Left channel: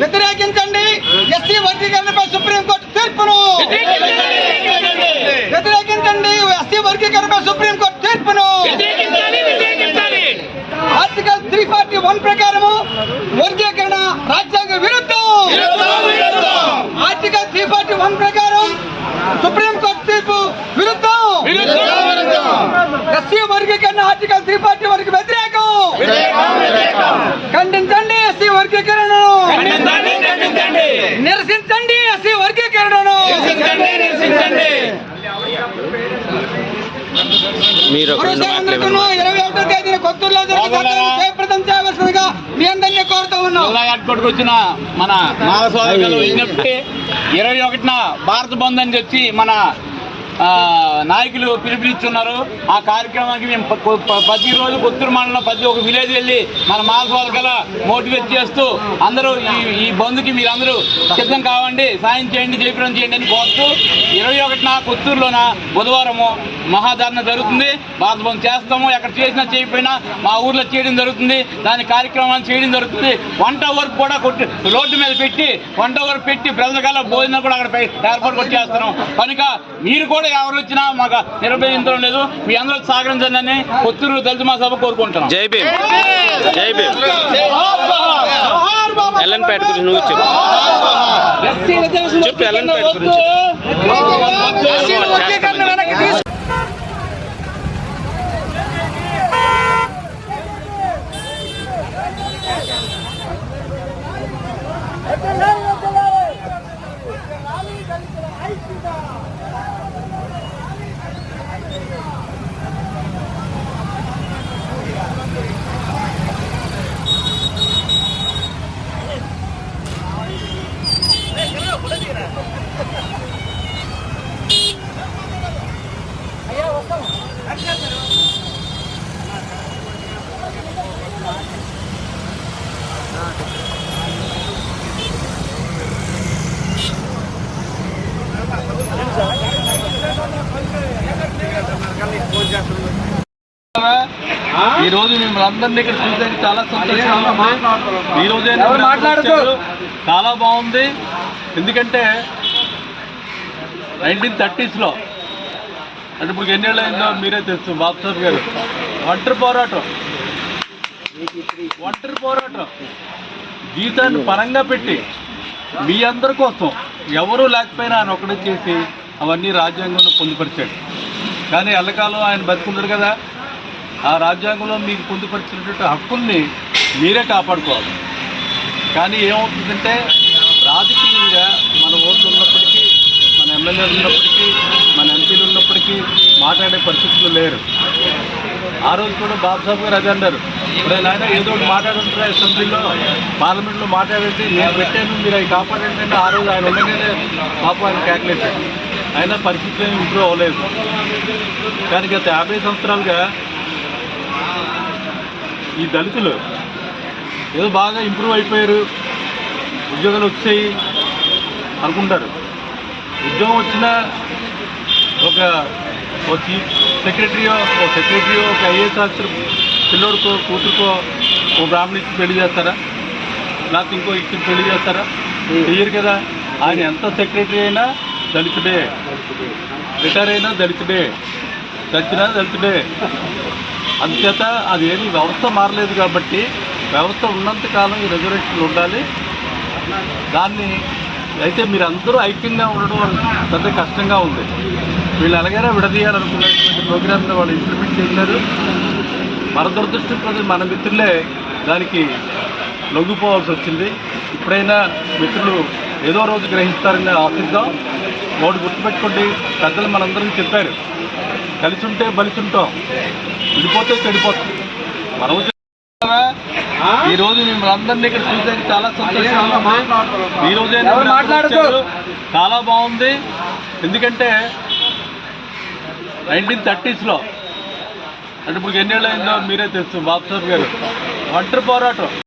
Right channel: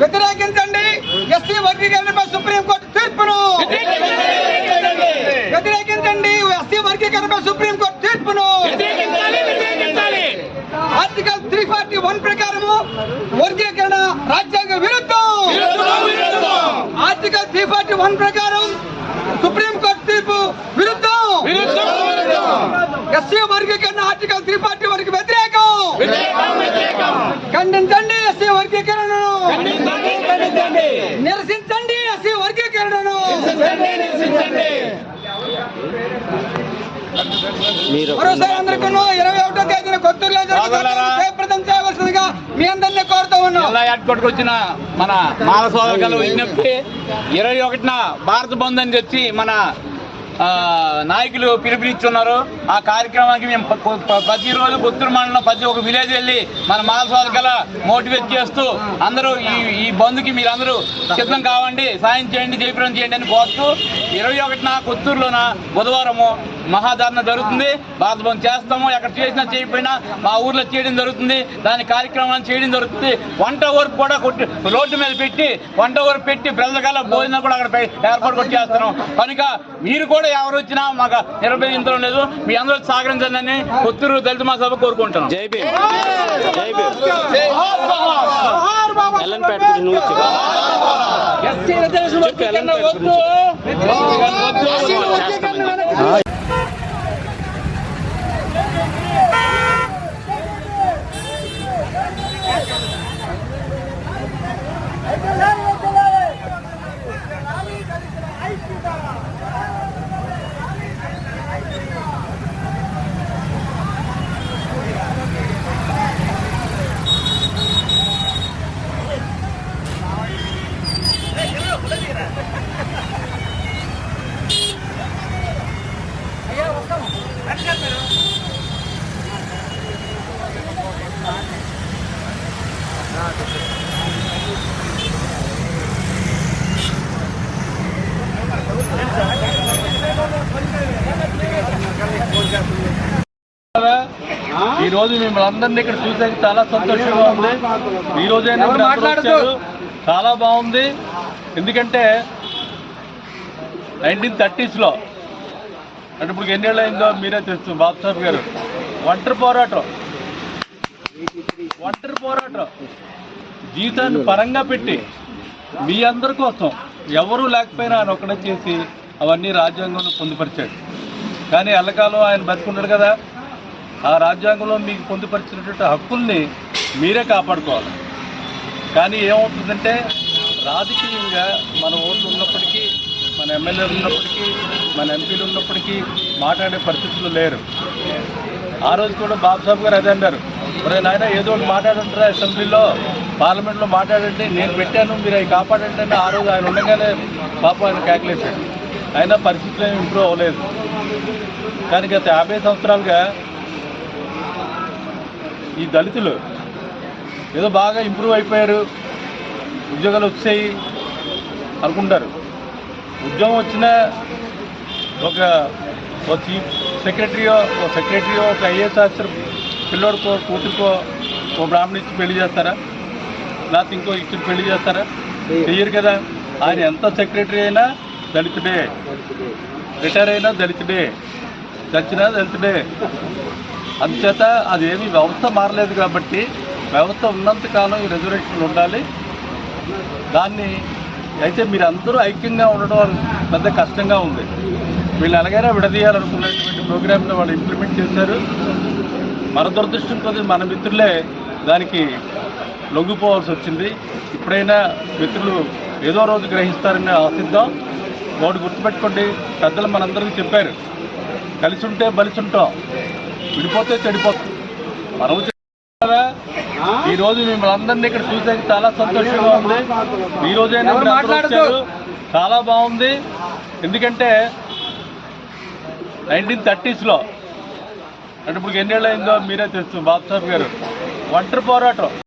వ్యతిరేకించండి SC వర్గీకరణపై supreme court తీర్పును. వ్యతిరేకించండి SC వర్గీకరణపై supreme court తీర్పును. Article 341 ప్రకారము వర్గీకరణ రాజ్యాంగ విరుద్ధం. ఆర్టికల్ 341 ప్రకారం సుప్రీంకోర్టు తీర్పు విరుద్ధం. ఎస్సీ వర్గీకరణ ఆర్టికల్ 341 వ్యతిరేకం. ఖండించండి ఎస్సీ వర్గీకరణను. నిరసించండి ఎస్సీ వర్గీకరణను. మీరు 21వ తేదీన కొత్తూరులో జయప్రదం చేయవలసిందిగా మీ అందరినీ కోరుతూ ఉన్నాం. వచ్చిన మన మానవ విజ్ఞప్తి 21న భారత బంద్ అని చెప్పి మన నాయకులు పిలుపునిస్తున్నారు. ఆ కార్యక్రమానికి మేము ప్రతిరోజు కొత్తూరు మండలం ప్రతి ఒక్క విలేజ్ వెళ్ళి మన మానస మోటివేట్ చేస్తూ అందరూ ఈ బంద్కి మీరందరూ సిద్ధం కావండి, సాయం చేయండి, జయప్రదం చేయండి అని కోరుతూ 21న కొత్తూరులోన బుధవారము మహాధరణ జరుగుతుంది. భారత బంద్ చేస్తాము. ఎక్కడ చేసినా చేయకపోయినా మా ఊర్లో చేయడం జరుగుతుంది. దాని కార్యక్రమాన్ని చేయడం జరుగుతుంది. వంట వరకు కూడా రోడ్డు మీద పెట్టి వంట వరకు పెట్టి ప్రజల భోజనం కూడా అక్కడ ఏర్పాటు కూడా చేస్తున్నాం. కనుక మీరు కూడా ఎవరు వచ్చినా మాకు నిర్భయించడం లేదు. మీ అందరూ సహకరించాలని కొత్తూరు దళిత మహాసభ కోరుకుంటున్నాం. జై భీమ్. జై భీమ్. ఎల్ఎన్పేట గురించి నువ్వు చెప్పు. ఎల్ఎన్పేట గురించి ఈ రోజు మిమ్మల్ని అందరినీ ఇక్కడ చూసేది చాలా సంతోషంగా ఉంది. ఈ రోజైనా మీరు అందరూ వచ్చారు, చాలా బాగుంది. ఎందుకంటే 1930s అంటే ఇప్పుడు ఎన్నేళ్ళు అయిందో మీరే తెలుసు. బాబుసాబ్ గారు ఒంటరి పోరాటం జీవితాన్ని పరంగా పెట్టి మీ అందరి కోసం ఎవరూ లేకపోయినా ఆయన ఒకటే చేసి అవన్నీ రాజ్యాంగంలో పొందుపరిచాడు. కానీ ఎల్లకాలం ఆయన బతుకున్నాడు కదా, ఆ రాజ్యాంగంలో మీకు పొందుపరిచినటువంటి హక్కుల్ని మీరే కాపాడుకోవాలి. కానీ ఏమవుతుందంటే రాజకీయంగా మన ఓట్లు ఉన్నప్పటికీ, మన ఎమ్మెల్యేలు ఉన్నప్పటికీ, మన ఎంపీలు ఉన్నప్పటికీ మాట్లాడే పరిస్థితులు లేరు. ఆ రోజు కూడా బాబుసాబ్ గారు అదే అన్నారు, ఇప్పుడు ఆయన ఏదో ఒకటి మాట్లాడుతుంటారా అసెంబ్లీలో, పార్లమెంట్లో మాట్లాడండి, నేను పెట్టాను మీరు అవి కాపాడండి అని ఆ రోజు ఆయన ఉండగానే పాపం ఆయన కేకలేశారు. అయినా పరిస్థితులు ఏమి ఇంప్రూవ్ అవ్వలేదు. కానీ గత 50 సంవత్సరాలుగా ఈ దళితులు ఏదో బాగా ఇంప్రూవ్ అయిపోయారు, ఉద్యోగాలు వచ్చాయి అనుకుంటారు. ఉద్యోగం వచ్చిన ఒక చీఫ్ సెక్రటరీయో ఒక ఐఏఎస్ ఆఫీసర్ పిల్లోడికో కూతురుకో ఓ బ్రాహ్మణ ఇచ్చి పెళ్లి చేస్తారా, లేకపోతే ఇంకో ఇచ్చి పెళ్లి చేస్తారా? చెయ్యరు కదా. ఆయన ఎంత సెక్రటరీ అయినా దళితుడే, రిటైర్ అయినా దళితుడే, చచ్చినా దళితుడే. అందుచేత అదేమి వ్యవస్థ మారలేదు కాబట్టి వ్యవస్థ ఉన్నంతకాలం ఈ రిజర్వేషన్లు ఉండాలి. దాన్ని అయితే మీరు అందరూ ఐక్యంగా ఉండడం పెద్ద కష్టంగా ఉంది. వీళ్ళు ఎలాగైనా విడదీయాలనుకున్నటువంటి ప్రోగ్రామ్ని వాళ్ళు ఇంప్లిమెంట్ చేశారు. మన దురదృష్టం ప్రజలు మన మిత్రులే దానికి లొంగిపోవాల్సి వచ్చింది. ఇప్పుడైనా మిత్రులు ఏదో రోజు గ్రహిస్తారని ఆశిద్దాం. ఒకటి గుర్తుపెట్టుకోండి, పెద్దలు మనందరం చెప్పారు, కలిసి ఉంటే బలిసుంటాం, విడిపోతే చెడిపోతుంది. మనం ఈ రోజు మిమ్మల్ని అందరినీ ఇక్కడ చూసేది చాలా సంతోషంగా ఉంది. ఈ రోజైనా మీరు అందరూ వచ్చారు, చాలా బాగుంది. ఎందుకంటే 1930s అంటే ఇప్పుడు ఎన్నేళ్ళు అయిందో మీరే తెలుసు. బాబుసాబ్ గారు ఒంటరి పోరాటం